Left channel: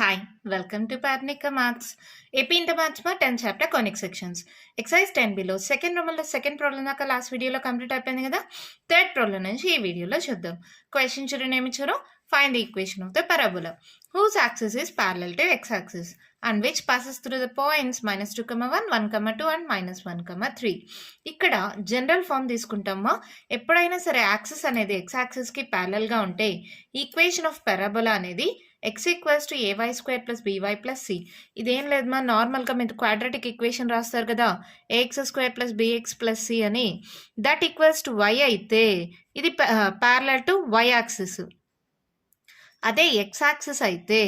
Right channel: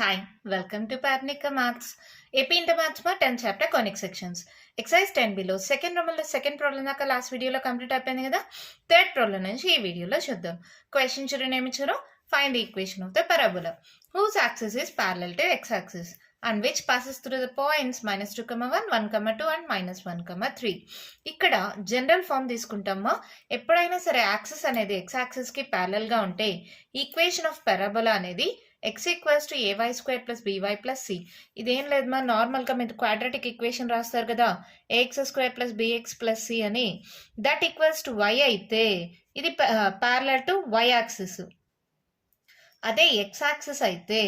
Hi, welcome to Parnika Maths. AP Inter Maths మా 10th chapter conic sections. Exercise 10 below second Roman second problem దాకా last వీడియోలో complete అయిపోయింది కదా. Third problem నుంచి ఈ వీడియోలో చూద్దాం. క్వశ్చన్ చూడండి ఏమి ఇచ్చారు. Find the equation of the parabola whose axis is parallel to x axis and which passes through the points -2, 1, 2 and -1, 3. ఇక్కడ జనరల్ ఫామ్ తీసుకుంటామా. ఎప్పుడైనా సరే యాక్సిస్ అనేది ఎక్స్ యాక్సిస్ కి ప్యారలల్ గా ఉంటే ఈక్వేషన్ ఆఫ్ పారాబోలా అనేది x equals to ay square plus b y plus c. ఇదేం లేదు మా నార్మల్గా మీరు క్వాడ్రాటిక్ ఈక్వేషన్ రాస్తారు కదా, a x square plus b x plus c అని. దట్ ఈక్వల్స్ టు వై అయితే ఇది ప్యారలల్ టు వై యాక్సిస్. అదే ఎక్స్ యాక్సిస్ అయితే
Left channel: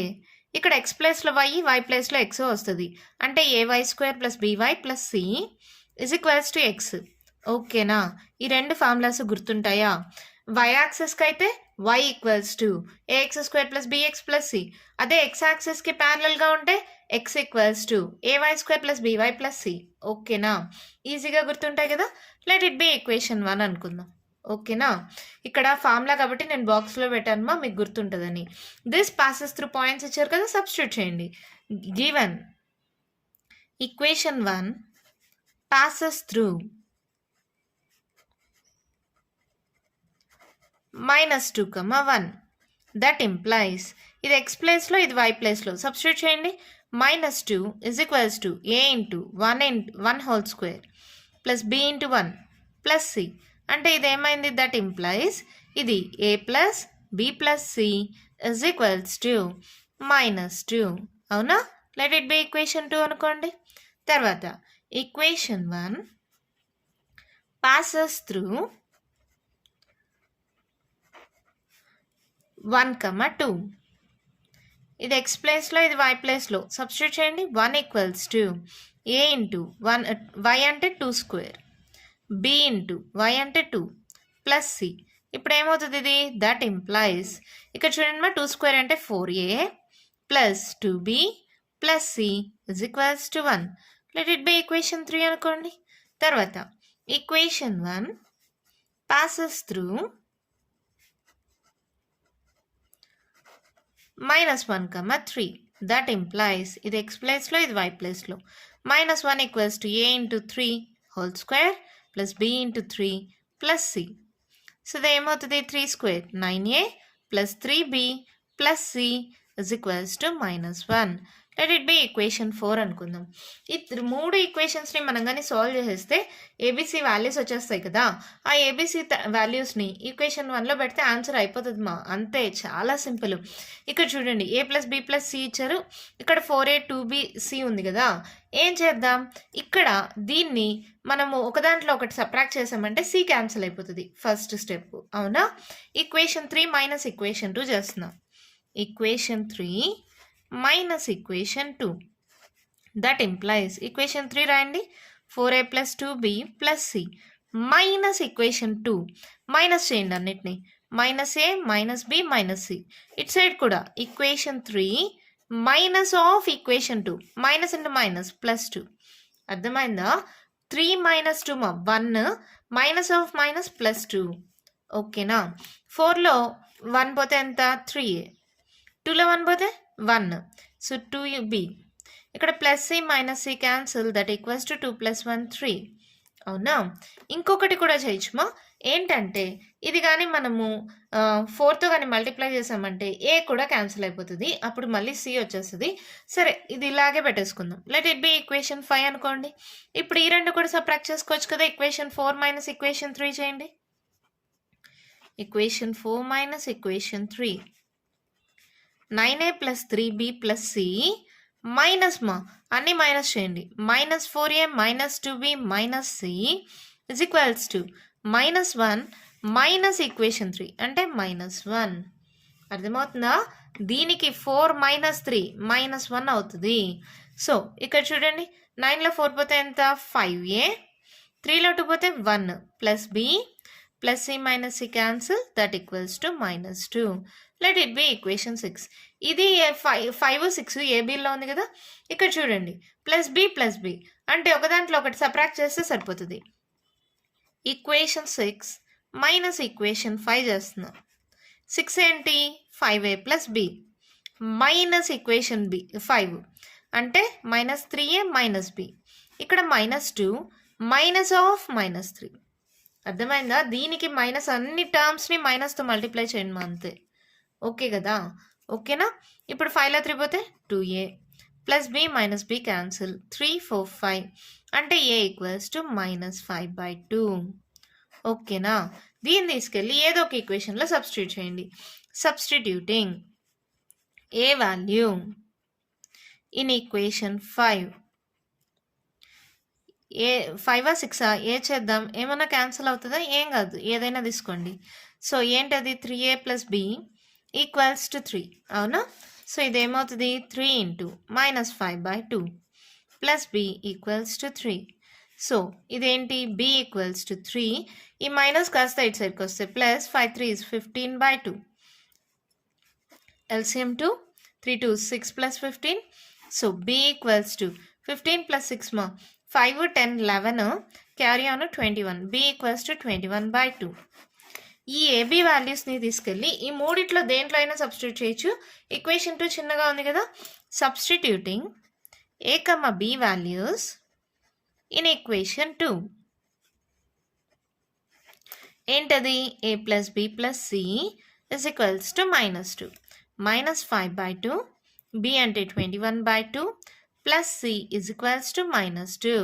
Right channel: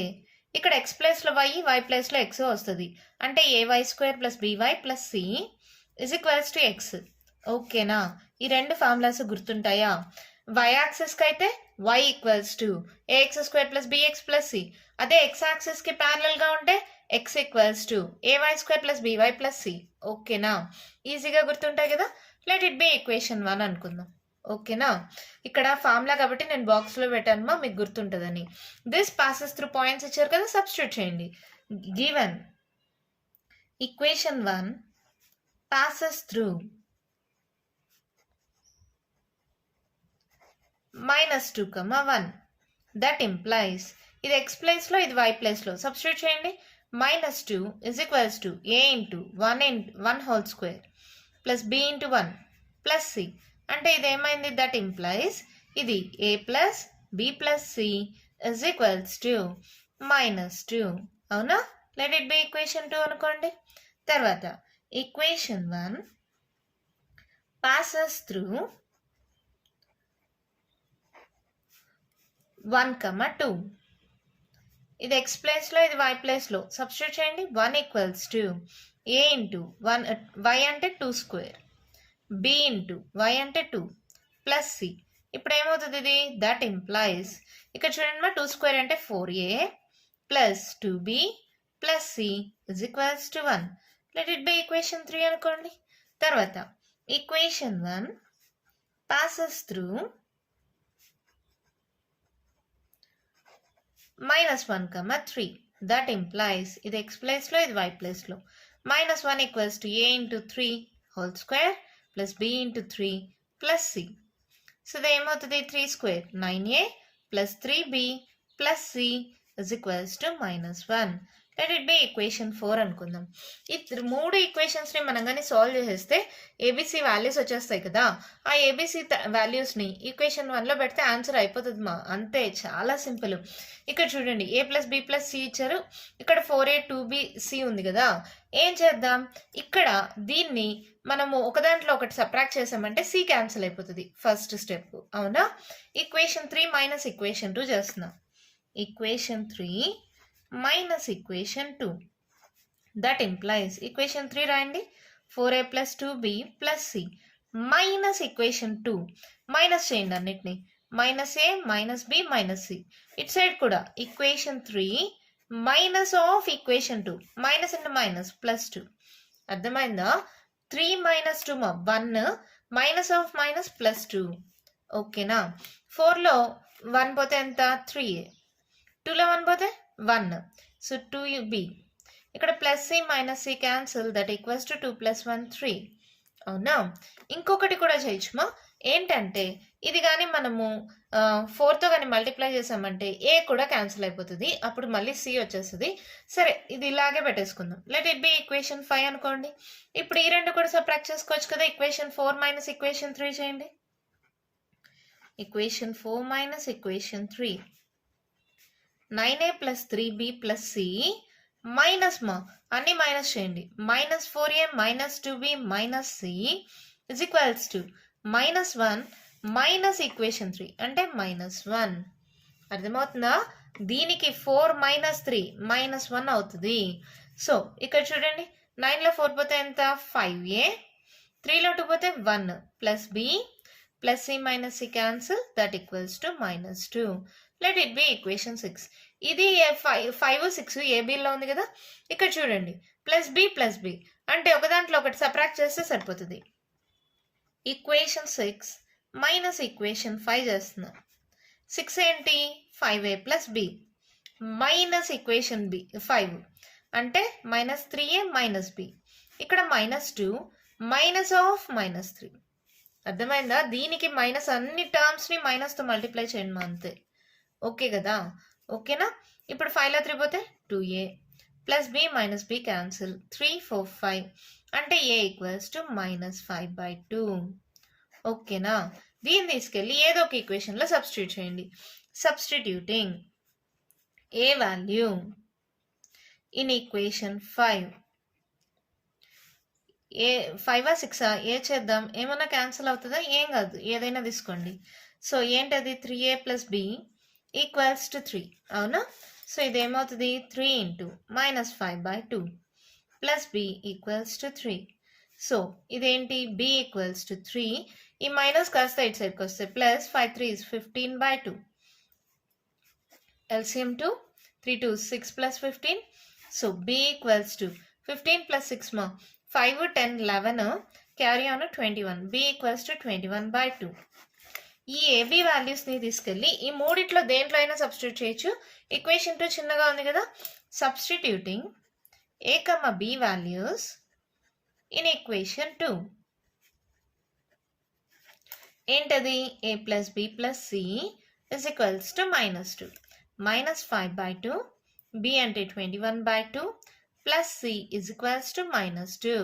ఇక్కడ ఎక్స్ ప్లేస్లో వై ప్లేస్లో ఎక్స్ వస్తుంది. అంటే a y square plus b y plus c is equals to x. ఓకేనా, ఈ రెండు ఫార్ములాస్ గుర్తుంటాయా? వై యాక్సిస్కి అయితే y equals to a x square plus b x plus c. అదే ఎక్స్ యాక్సిస్కి ప్యారలల్గా ఉంటే x equals to a y square plus b y plus c. ఓకేనా, ఈజీగా గుర్తుంటాయి కదా. లెట్ ఇట్ బి ఈక్వేషన్ 1 అనుకుందాం. ఓకేనా, ఇక్కడ ఫార్ములా కాబట్టి నేను బాక్స్లో పెట్టాను మీకు గుర్తుంటుందని. దిస్ పాసెస్ త్రూ పాయింట్స్ ఇచ్చారు కదా, సబ్స్టిట్యూట్ చేయండి. Given equation 1 passes through -2, 1. That implies ఇది x ప్లేస్లో ఇది y ప్లేస్లో సబ్స్టిట్యూట్ చేయండి. -2 is equals to a into 1 whole square plus b into 1 plus c. అంటే ఇది ఏమైంది? దట్ ఇంప్లైస్ ఇది a plus b plus c is equals to -2. అవునా? లెట్ ఇట్ బి ఈక్వేషన్ 2 అనుకోండి. తర్వాత ఈక్వేషన్ 1 passes through 1, 2. ఇది x ప్లేస్లో ఇది y ప్లేస్లో సబ్స్టిట్యూట్ చేయండి. 1 equals to a into 1 y అంటే 2 స్క్వేర్ b ఇంటూ y అంటే 2 ప్లస్ c. ఇప్పుడు ఏమవుతుంది ఇది? దట్ ఇంప్లైస్ ఇక్కడ చూడండి మా 2 స్క్వేర్ అంటే 4a plus 2b plus c is equals to 1. Let it be equation 3 అనుకోండి. తర్వాత equation 1 passes through -1, 3. That implies ఇది x ప్లేస్లో ఇది y ప్లేస్లో -1 equals to a into 3 whole square plus b into 3 plus c. So ఇది ఏమవుతుంది? 3 square 9a plus 3b plus c is equals to -1. Let it be equation 4 అనుకుందాం. ఈ 3 ఈక్వేషన్స్ని మనం కానీ సాల్వ్ చేసేస్తే ఏబీసీ వాల్యూస్ వచ్చేస్తాయి కదా. ఆ ఏబీసీ వాల్యూస్ని ఈక్వేషన్ 1లో పెడితే ఆన్సర్ అయిపోతుంది మా. అంతే, చాలా సింపుల్. ఇక్కడ చూడండి a plus b plus c ఇచ్చారు. ఇక్కడ 4a 2b c ఉంది కదా. ఏం చేద్దాం? ఇక్కడ దీన్ని మనము ఒక దాంట్లో ఒకటి సబ్ట్రాక్ట్ చేసామంటే c క్యాన్సిల్ అయిపోతుంది. First step. అవునా? ఈక్వేషన్ 3 మైనస్ ఈక్వేషన్ 2 చేస్తున్నాం. Equation 3 minus equation 2. That implies equation 3 రాయండి. 4a plus 2b plus c minus equation 2. Minus చేయండి అన్నిటిని. -a minus b minus c. ఇట్ సైడ్ కూడా equation 3 minus of equation 2. Minus into minus plus 2. అర్థమైందా? 3 minus 2 1 minus of minus plus 2. ఓకేనా? 4లో 1 పోతే ఎంత? 3a. 2లో 1 పోతే 1. So 2b. ఇక్కడ plus c minus c cancel. That equals to 2 plus 1 3. అవునా? ఇంకొకటి కూడా చేయొచ్చుమా. ఏంటంటే ఇది కానీ మనము 4తో కానీ మల్టిప్లై చేసామంటే a కూడా క్యాన్సిల్ అయిపోతుంది. అప్పుడు మళ్ళీ c వచ్చేస్తుంది. సరే, ఇది ఇలాగే పెట్టేసుకుందాం. లెట్ ఇట్ బి ఈక్వేషన్ 5 అనుకోండి. ఇప్పుడు ఈ రెండు కూడా సబ్ట్రాక్ట్ చేసుకోవచ్చు కదా. ఈక్వేషన్ 4 మైనస్ ఈక్వేషన్ 3 చేయండి. Equation 4 minus equation 3 9a plus 3b plus c minus మా అన్ని మైనస్ చేయండి. -4a minus 2b minus c is equals to -1 minus equation 3 అంటే -1. అర్థమవుతుందా? దీనికి 4 మైనస్ 3 -1 అవుతుంది. సో ఇక్కడ చూడండి, 9లో 4 పోతే ఎంత? 5a. 3లో 2 పోతే 1 plus b plus c minus c cancel. That equals to -2. Let it be equation 6. ఇది 5 6 ఏబీలో ఉంది కదా. ఇక్కడ చూడండి, ప్లస్ బి అంటే ఒక దాంట్లో ఒకటి సబ్ట్రాక్ట్ చేస్తే సరిపోతుంది. ఈక్వేషన్ 6 మైనస్ ఈక్వేషన్ 5 చేస్తున్నాం. 6 ఏంటి? 5a plus b minus equation B 5 అంటే -3a మైనస్ బి. ఇక్కడ -2 మైనస్ ఆఫ్ -3. అర్థమైందా? దీనికి మైనస్ అన్ని టర్మ్స్ని మైనస్తో మల్టిప్లై చేయండి అంతే. ఓకే కదా? ఓకేనా? ఇప్పుడు 5లో 3 పోతే 2a plus B minus B cancel. 3 4 5 అంటే a ఈక్వల్స్ టు -5/2. ఓకేనా? దీన్ని తీసుకెళ్ళి ఏదో ఒక ఈక్వేషన్లో సబ్స్టిట్యూట్ చేయండి. Substituting a value in equation 5. ఏ 5 6 ఏ చేద్దాం? ఏమైనా క్యాన్సిల్ అవుతుందా? ఏం కాదు, ఏదైనా తీసుకోండి. సో ఏంటది? 3a plus b equals to 3. అవునా? సో ఇదేమవుతుంది? 3 into -5/2 plus b equals to 3. So ఇదేంటి? B equals to 3. ఈ మైనస్ కాస్త ఇటు సైడ్కి వస్తే plus 5 3 is 15/2. LCM 2 3 2 6 plus 15. So B equals to 15 plus 6 ma 5 10 11 carry on 21. B equals to 21/2. ఈ AB వాల్యూస్ని తీసుకెళ్ళి ఈ మూడిట్లో దేంట్లో అయినా సబ్స్టిట్యూట్ చేయొచ్చు. ఈక్వేషన్ 2 చిన్నగా ఉంది కదా. Substituting a comma b values in equation 2. ఏంటది? a plus b plus c is equals to -2. -5/2 b అంటే 21/2 plus c is equals to -2.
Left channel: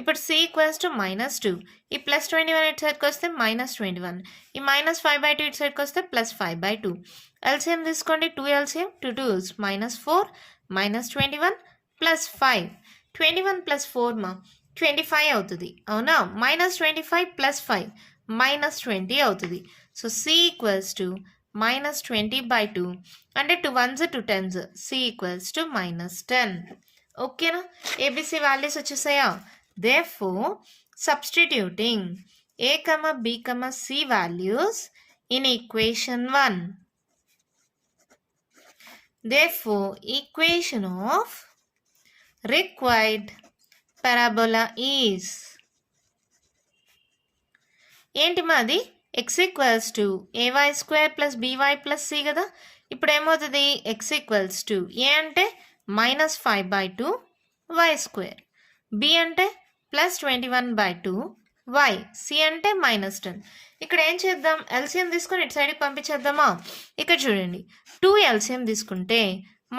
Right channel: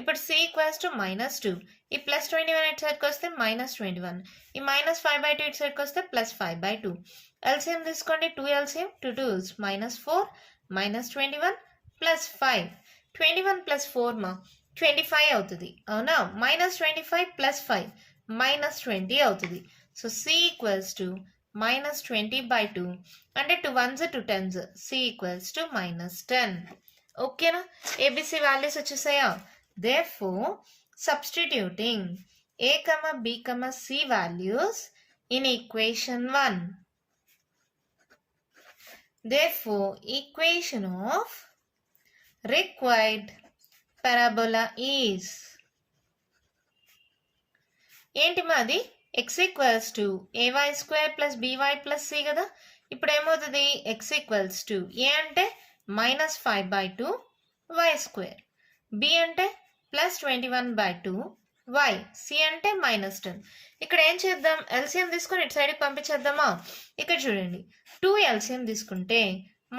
ఇప్పుడు c ఈక్వల్స్ టు -2. ఈ ప్లస్ 21 ఇటు సైడ్కి వస్తే -21. ఈ -5/2 ఇటు సైడ్కి వస్తే +5/2. ఎల్సిఎం తీసుకోండి. 2 ఎల్సిఎం 2 2s -4 -21 +5. 21 + 4 మా 25 అవుతుంది. అవునా? -25 + 5 -20 అవుతుంది. సో c ఈక్వల్స్ టు -20/2 అంటే 2 1s 2 10s. c equals to -10. ఓకేనా? ఏబిసి వాల్యూస్ వచ్చేసాయా? Therefore substituting a, b, c values in equation 1. Therefore, equation of required parabola is ఏంటి మాది? x equals to ay² + by + c కదా. ఇప్పుడు ఏమవుతుంది? x equals to a అంటే -5/2 y², b అంటే +21/2 y, c అంటే -10. ఇక్కడ ఏం చేద్దాం? ఎల్సిఎం తీసుకొని ఇటు సైడ్కి పంపించేద్దామా? ఇక్కడ చూడండి, 2 ఎల్సిఎం తీసుకుంటే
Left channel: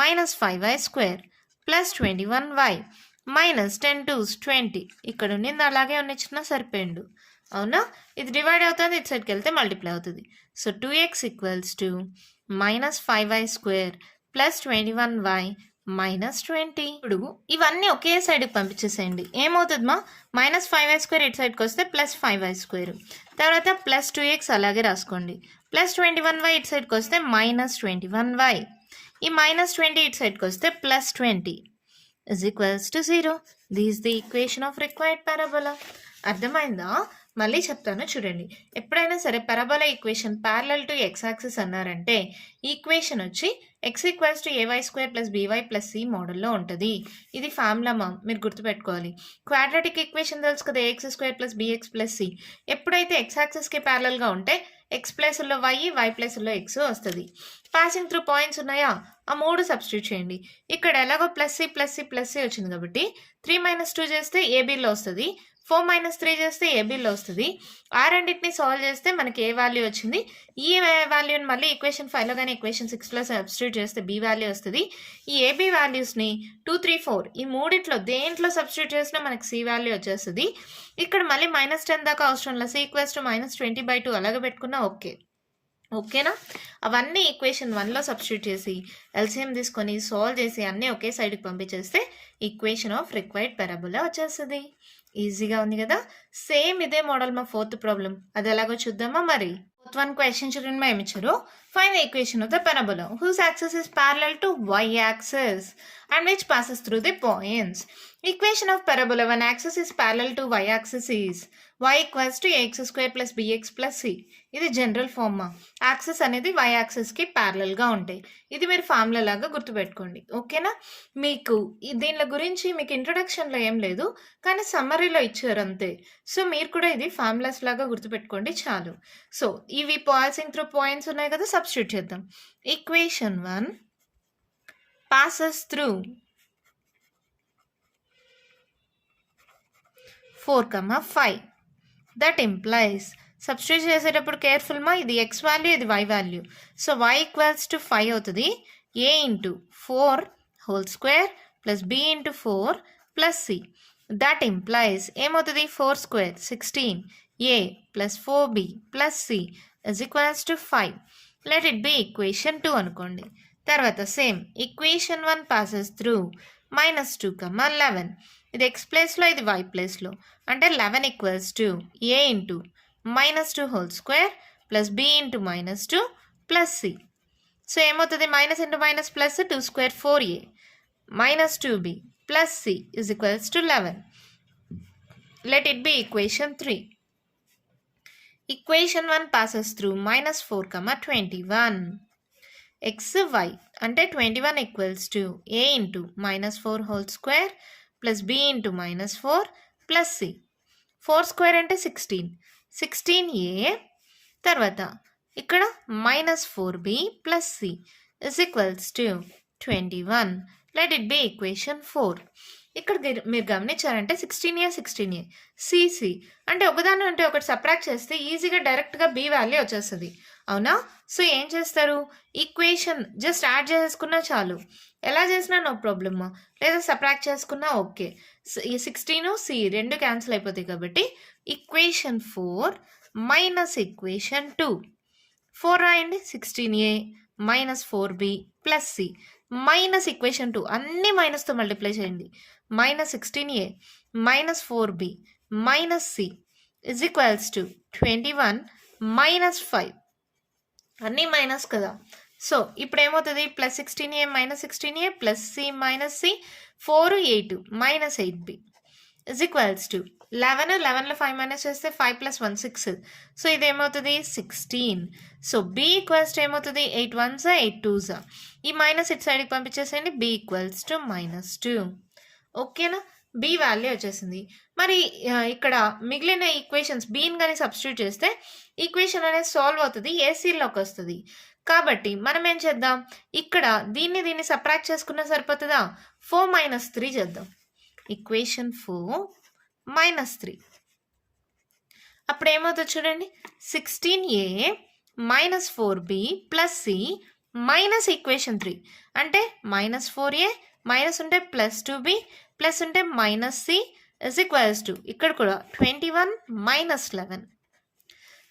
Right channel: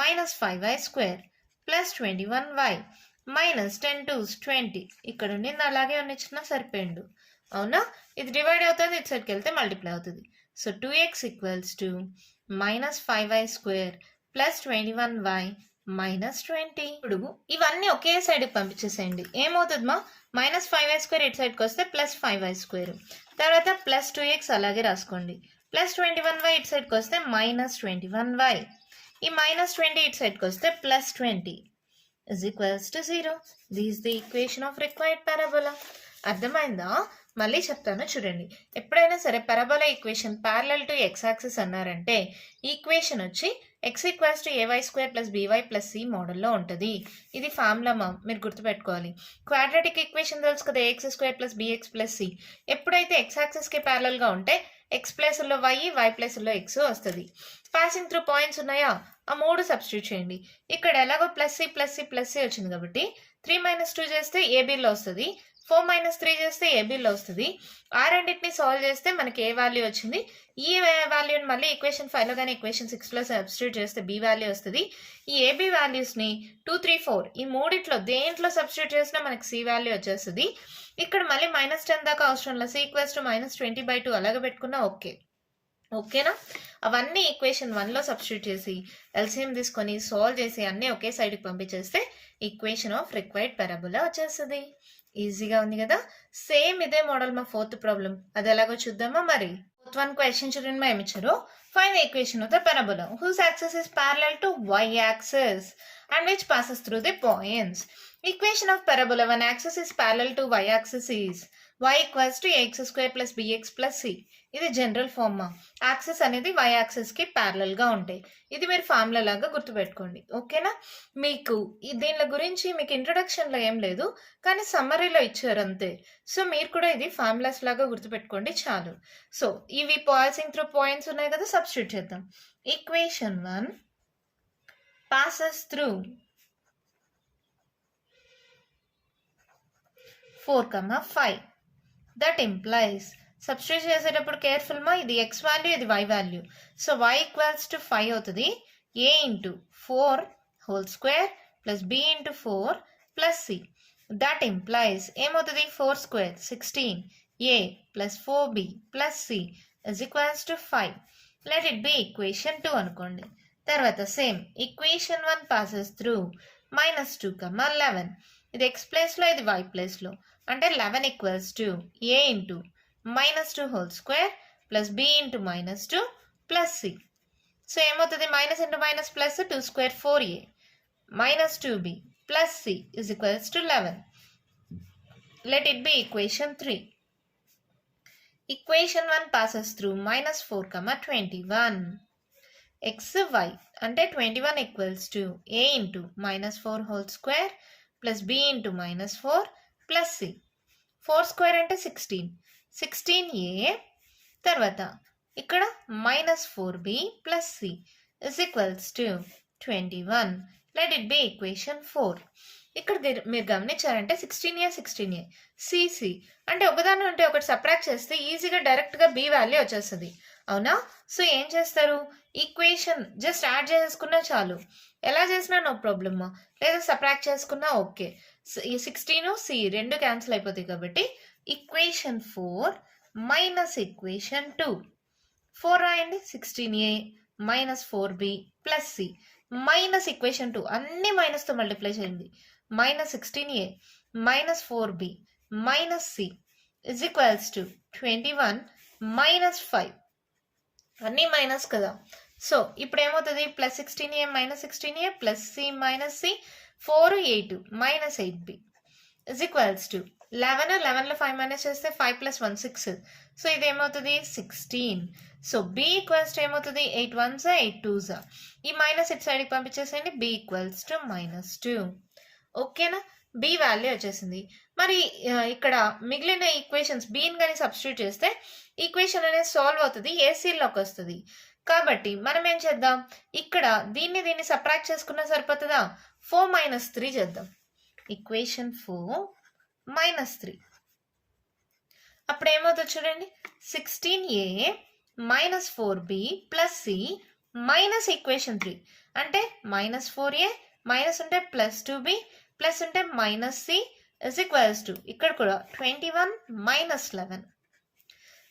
-5y² +21y -10 2s 20. ఇక్కడ ఉండింది అలాగే ఉన్నిచ్చినా సరిపోయిండు. అవునా? ఇది డివైడ్ అవుతుంది, ఇటు సైడ్కి వెళ్తే మల్టిప్లై అవుతుంది. So 2x equals to -5y² +21y -20. ఇప్పుడు ఇవన్నీ ఒకే సైడ్కి పంపించేసేయండి. ఏమవుతుంది మా? -5y² ఇటు సైడ్కి వస్తే +5y², తర్వాత +2x అలాగే రాసుకోండి, +21y ఇటు సైడ్కి వస్తే -21y, ఈ -20 ఇటు సైడ్కి వస్తే +20 is equals to 0. This is the equation of required parabola. అర్థమైందా? మళ్ళీ చెప్తాను చూడండి. ఎప్పుడైనా సరే parabola equation parallel to X axis అన్నారంటే ఈక్వేషన్ వచ్చి x equals to ay² + by + c మోడల్లో ఉంటుంది. ఇది ఫార్ములా మీరు గుర్తుపెట్టుకోవాలి. క్వాడ్రాటిక్ ఈక్వేషన్ తెలుసు కదా, ax² + bx + c. ఎప్పుడైతే ఎక్స్ యాక్సిస్కి ప్యారలల్గా ఉంటే x ప్లేస్లో y, y ప్లేస్లో x వస్తుంది. పాసింగ్ త్రూ పాయింట్స్ ఉన్నాయా? ఆ 3 సబ్స్టిట్యూట్ చేయండి. ఇక్కడ ఎలాగో +c వచ్చింది కాబట్టి 3 - 2 చేస్తే ఏబీలో వస్తుంది, 4 - 3 చేస్తే ఏబీలో వస్తుంది. ఆ రెండింటిని సాల్వ్ చేస్తే మనకి ఏ వాల్యూ వచ్చింది. ఈ వాల్యూని మళ్ళీ ఈక్వేషన్ 5లో కానీ ఈక్వేషన్ 6లో సబ్స్టిట్యూట్ చేస్తే బి వాల్యూ వస్తుంది. ఈ ఏబీ వాల్యూస్ని 2 3 4 ఈ మూడిట్లో దేంట్లో సబ్స్టిట్యూట్ చేసినా మనకి సి వాల్యూ వచ్చేస్తుంది. ఇక్కడ మళ్ళీ -10 దాకా అవసరం లేదు. సి ఈక్వల్స్ టు -20/2 అలాగే పెట్టుకున్నా ఓకేనా? అవన్నీ ఈక్వేషన్ 1లో సబ్స్టిట్యూట్ చేసి ఎల్సిఎం తీసుకొని సాల్వ్ చేసి అన్నీ ఒకే సైడ్కి పంపించేస్తే ఈక్వేషన్ ఆఫ్ రిక్వైర్డ్ పారాబోలా వచ్చేస్తుంది. ఈజీగా ఉంది కదా. సేమ్ ఇదే మోడల్ మా 4th ప్రాబ్లం, అది ఎలాగో చూద్దామా మరి. 4th 1 క్వశ్చన్ చూడండి, ఏమి ఇచ్చారు? Find the equation of the parabola whose axis is parallel to y axis and which passes through the points. Equation of parabola when axis is parallel to y axis is y equals to ax² + bx + c. ఇది general form. Axis అనేది y యాక్సిస్కి ప్యారలల్గా ఉంటాయి. ఇది మీరు formula లాగా గుర్తుపెట్టుకోండి. ఓకేనా? మీకు దీని గురించి మీకు ఇంట్రొడక్షన్లో ఏం లేదు, కానీ సమ్మరీలో ఇచ్చారు అంతే. సో మీరు కూడా ఇది ఫార్ములాస్ లాగా గుర్తుపెట్టుకోండి చాలు. సో ఇవి పాసింగ్ త్రూ పాయింట్స్ ఉన్నాయి కదా, సబ్స్టిట్యూట్ చేద్దాం. Equation 1 passes through 4, 5. That implies substitute చేసేటప్పుడు కేర్ఫుల్ మా ఇది x వాల్యూ ఇది y value. So y equals to 5 అవుతుంది. a into 4 whole square plus b into 4 plus c. That implies ఏమవుతుంది 4 square 16 a plus 4b plus c is equals to 5. Let it be equation 2 అనుకోండి. తర్వాత same equation 1 passes through -2, 11. ఇది x ప్లేస్లో ఇది y ప్లేస్లో అంటే 11 equals to a into -2 whole square plus b into -2 plus c. So ఏమవుతుంది minus into minus plus 2 square 4a -2b plus c is equals to 11. Let it be equation 3. Equation 1 passes through -4, 21. x y అంటే 21 equals to a into -4 whole square plus b into -4 plus c. 4 square అంటే 16a తర్వాత ఇక్కడ -4b plus c is equals to 21. Let it be equation 4. ఇక్కడ మీరు గమనించారంటే 16a cc అంటే ఒకదాని అంటే ఒకటి సబ్ట్రాక్ట్ చేస్తే ఈజీగా డైరెక్ట్గా b వాల్యూ వచ్చేస్తుంది అవునా. సో ఏం చేస్తారు ఈక్వేషన్ జస్ట్ యాడ్ చేసుకున్నా చాలు, ఎలా చేసినా నో ప్రాబ్లమ్, లేదా సబ్ట్రాక్ట్ చేసుకున్నా ఓకే. ఈ 16 c రెండు క్యాన్సిల్ అయిపోతాయి కాబట్టి ఈక్వేషన్ 4 మైనస్ ఈక్వేషన్ 2. 4 రాయండి 16a -4b plus c minus equation 2 అన్ని మైనస్తో మల్టిప్లై చేయండి. -16a -4b minus c is equals to 21 -5 అన్నీ మైనస్ కదా. సో ఇప్పుడు ఏమవుతుంది +16a -16a plus c minus c 4 8 -8b is equals to 11లో 5 మైనస్ చేస్తే 5 + 1 6. సో ఇది ఏమవుతుంది 16. సో b ఈక్వల్స్ టు ఏమవుతుంది 8 1s 8 2s. ఈ మైనస్ ఇటు సైడ్కి పంపించేసేయండి. b equals to -2. ఓకేనా, b వాల్యూ వచ్చేసింది. మరి ఇక్కడ మిగిలిన ఈక్వేషన్స్ bని కానీ సబ్స్టిట్యూట్ చేస్తే ఈక్వేషన్ అనేది సాల్వ్ అవుతుంది, ఏసీలోకి వస్తుంది. కాబట్టి మనం ఏం చేద్దాం ఇక్కడ దీన్ని సబ్ట్రాక్ట్ చేసుకున్నా సరిపోతుందా. 4 - 3 చేద్దాం. ఈక్వేషన్ 4 -3 అప్పుడు ఏమవుతుంది చూడండి 16a -4b plus c minus equation 3 అంటే -4a మైనస్ ఉంటే +2b ప్లస్ ఉంటే -c ఇజ్ ఈక్వల్స్ టు ఇక్కడ కూడా 21 -11.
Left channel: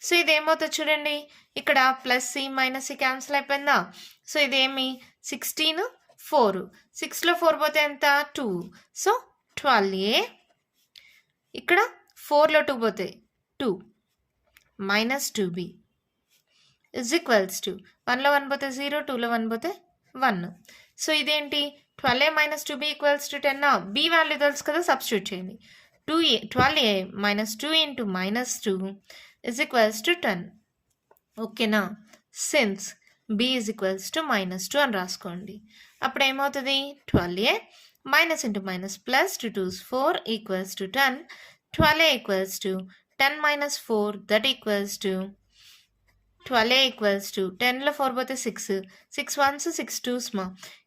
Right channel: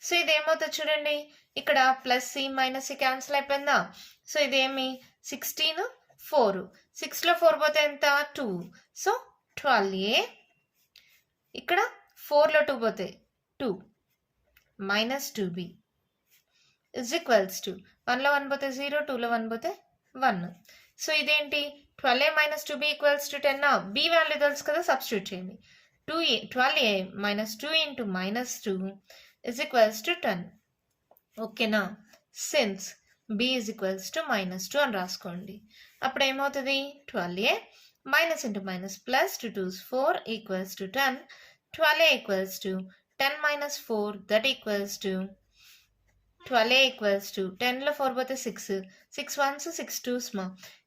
సో ఇది ఏమవుతుంది చూడండి ఇక్కడ +c -c క్యాన్సిల్ అయిపోయిందా. సో ఇదేమి 16 4 6లో 4 పోతే ఎంత 2. సో 12a ఇక్కడ 4లో 2 పోతే 2 -2b ఇజ్ ఈక్వల్స్ టు 1లో 1 పోతే 0 2లో 1 పోతే 1. సో ఇదేంటి 12a -2b equals to 10. b value తెలుసు కదా, సబ్స్టిట్యూట్ చేయండి. 12a -2 into -2 is equals to 10. ఓకేనా, since b is equals to -2 అని రాసుకోండి. అప్పుడు ఏమవుతుంది 12a minus into minus plus 2 2s 4 equals to 10. 12a equals to 10 - 4 that equals to 12a equals to 10లో 4 పోతే 6 6 1s 6 2s.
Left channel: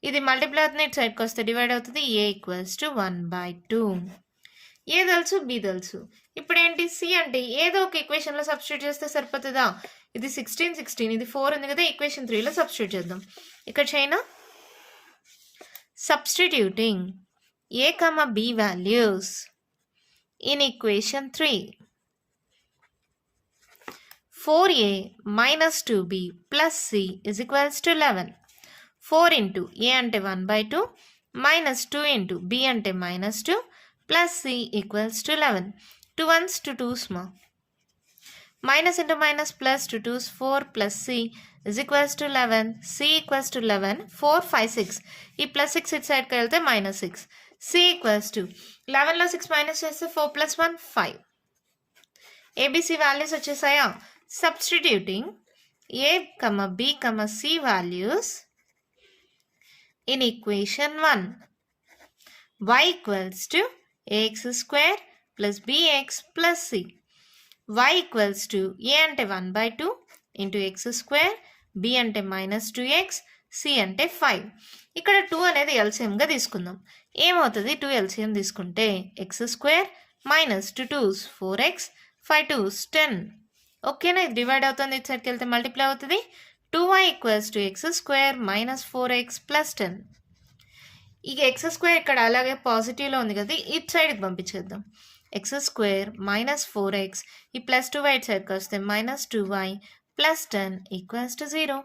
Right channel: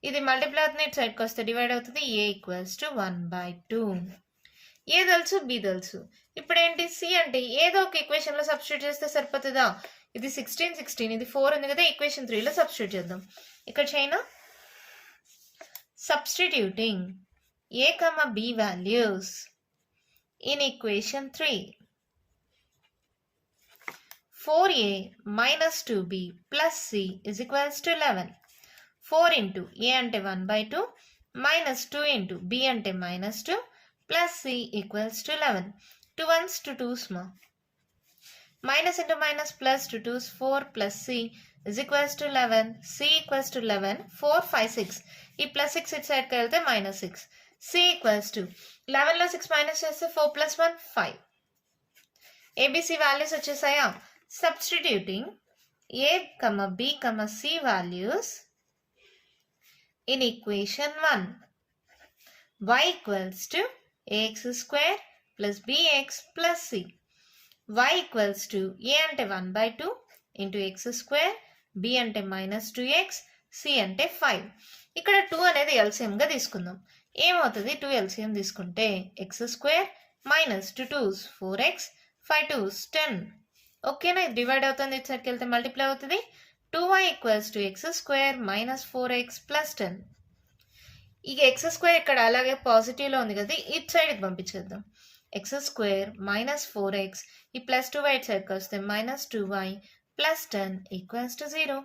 ఇది మల్టిప్లై అవుతుంది, ఇటు సైడ్కి వస్తే డివైడ్ అవుతుంది. a equals to 1/2. ఏ తెలుసు b తెలుసు. ఇప్పుడు ఏంటి c అంటే ఏదో ఒక ఈక్వేషన్లో సబ్స్టిట్యూట్ చేస్తే సరిపోతుందా. ఇది 16 ఇది 4 ఉంది కదా, ఈక్వేషన్ 3లో సబ్స్టిట్యూట్ చేద్దాం. ఇక్కడ China substituting a, b values in equation 3. 4a - 2b plus c is equals to 11. 4 into a ante 1/2 minus 2 into b ante -2 plus c equals to 11. 2 1s 2 2s minus into minus plus 2 2s 4 plus c is equals to 11. c equals to 11 4 5 6 ఈ plus 6 ఇటు సైడ్కి వెళ్తే -6. c equals to 11లో 6 minus చేస్తే 4 + 1 5. ABC values వచ్చేసాయా. Substituting a, b, c values in equation 1. y equals to ax² plus bx plus c. y equals to a అంటే 1/2 into x² b అంటే -2x C అంటే 5. ఇక్కడ 2 అనేది ఎల్సిఎంగా తీసుకుందాం. ఏమవుతుంది 2 ఎల్సిఎం తీసుకుంటే X square minus 2 2s 4x 5 2s 10. ఓకేనా, ఇది డివైడ్ అవుతుంది, ఇటు సైడ్కి వెళ్తే మల్టిప్లై అవుతుంది. 2y equals to x square minus 4x plus 10. ఇక ఎక్స్ స్క్వేర్ ఇక్కడ అలాగే పాజిటివ్లో ఉంది కదా, ఇటు సైడ్కి పంపించేద్దాం. ఎక్స్ స్క్వేర్ మైనస్ 4x, ఈ ప్లస్ 2y ఇటు సైడ్కి వస్తే minus 2y plus 10 equals to 0.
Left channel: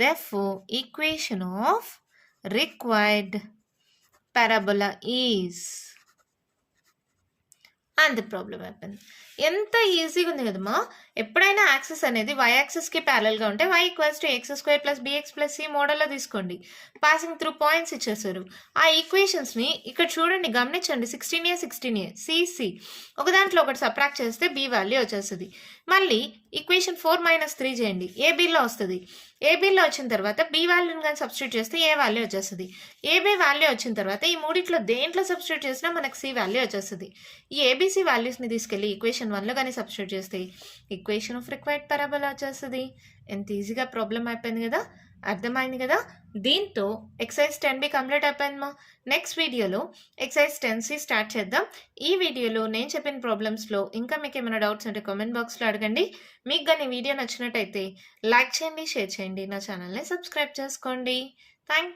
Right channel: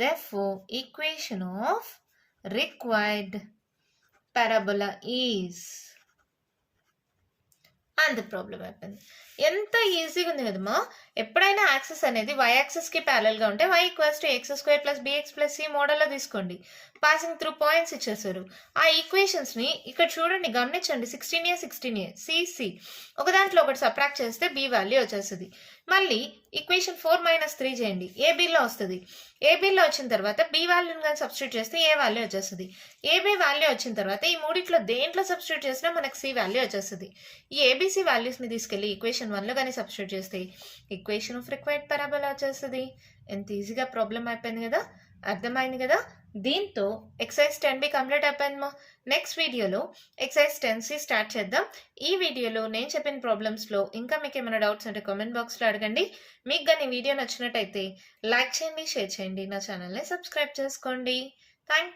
Therefore, equation of required parabola is, and the problem అయిపోయింది. ఎంత ఈజీగా ఉంది కదమ్మా. ఎప్పుడైనా యాక్సెస్ అనేది y యాక్సెస్కి ప్యారల్గా ఉంటే y equals to x square plus b x plus c మోడల్లో తీసుకోండి. పాసింగ్ త్రూ పాయింట్స్ ఇచ్చేసారు. ఆ ఈక్వేషన్స్ని ఇక్కడ చూడండి, గమనించండి. 16a 16a సిసి ఒక దాంట్లో ఒకటి సబ్ట్రాక్ట్ చేస్తే బి వాల్యూ వచ్చేస్తుంది. మళ్ళీ ఈక్వేషన్ 4 - 3 చేయండి, ఏబీలో వస్తుంది. ఏబీలో వచ్చిన తర్వాత బి వాల్యూని కానీ సబ్స్టిట్యూట్ చేస్తే ఏ వాల్యూ వచ్చేస్తుంది. ఏబీ వాల్యూ వచ్చిన తర్వాత ఈ మూడిట్లో దేంట్లో సబ్స్టిట్యూట్ చేసినా మనకు సి వాల్యూ వచ్చేస్తుంది. ఈ ఏబీసీ వాల్యూస్ని తీసుకెళ్ళి ఈక్వేషన్ 1లో కానీ సబ్స్టిట్యూట్ చేస్తే ఈక్వేషన్ ఆఫ్ రిక్వైర్డ్ పారాబోలా వచ్చేస్తుంది. ఎంత ఈజీగా ప్రాబ్లం అయిపోయింది కదా, అర్థమైంది కదా. దీంతో ఎక్సర్సైజ్ 10B కంప్లీట్ అయిపోయిందమ్మా. నెక్స్ట్ వీడియోలో ఎక్సర్సైజ్ 10C స్టార్ట్ చేద్దాం. ఈ వీడియోలో నేను చెప్పిన ప్రాబ్లమ్స్లో ఇంకా మీకు ఏమైనా డౌట్స్ ఉంటే కామెంట్ బాక్స్లో అడగండి. మీకు కానీ వీడియో నచ్చినట్టయితే లైక్ చేయండి, షేర్ చేయండి, నా ఛానల్ని సబ్స్క్రైబ్ చేసుకోండి. థ్యాంక్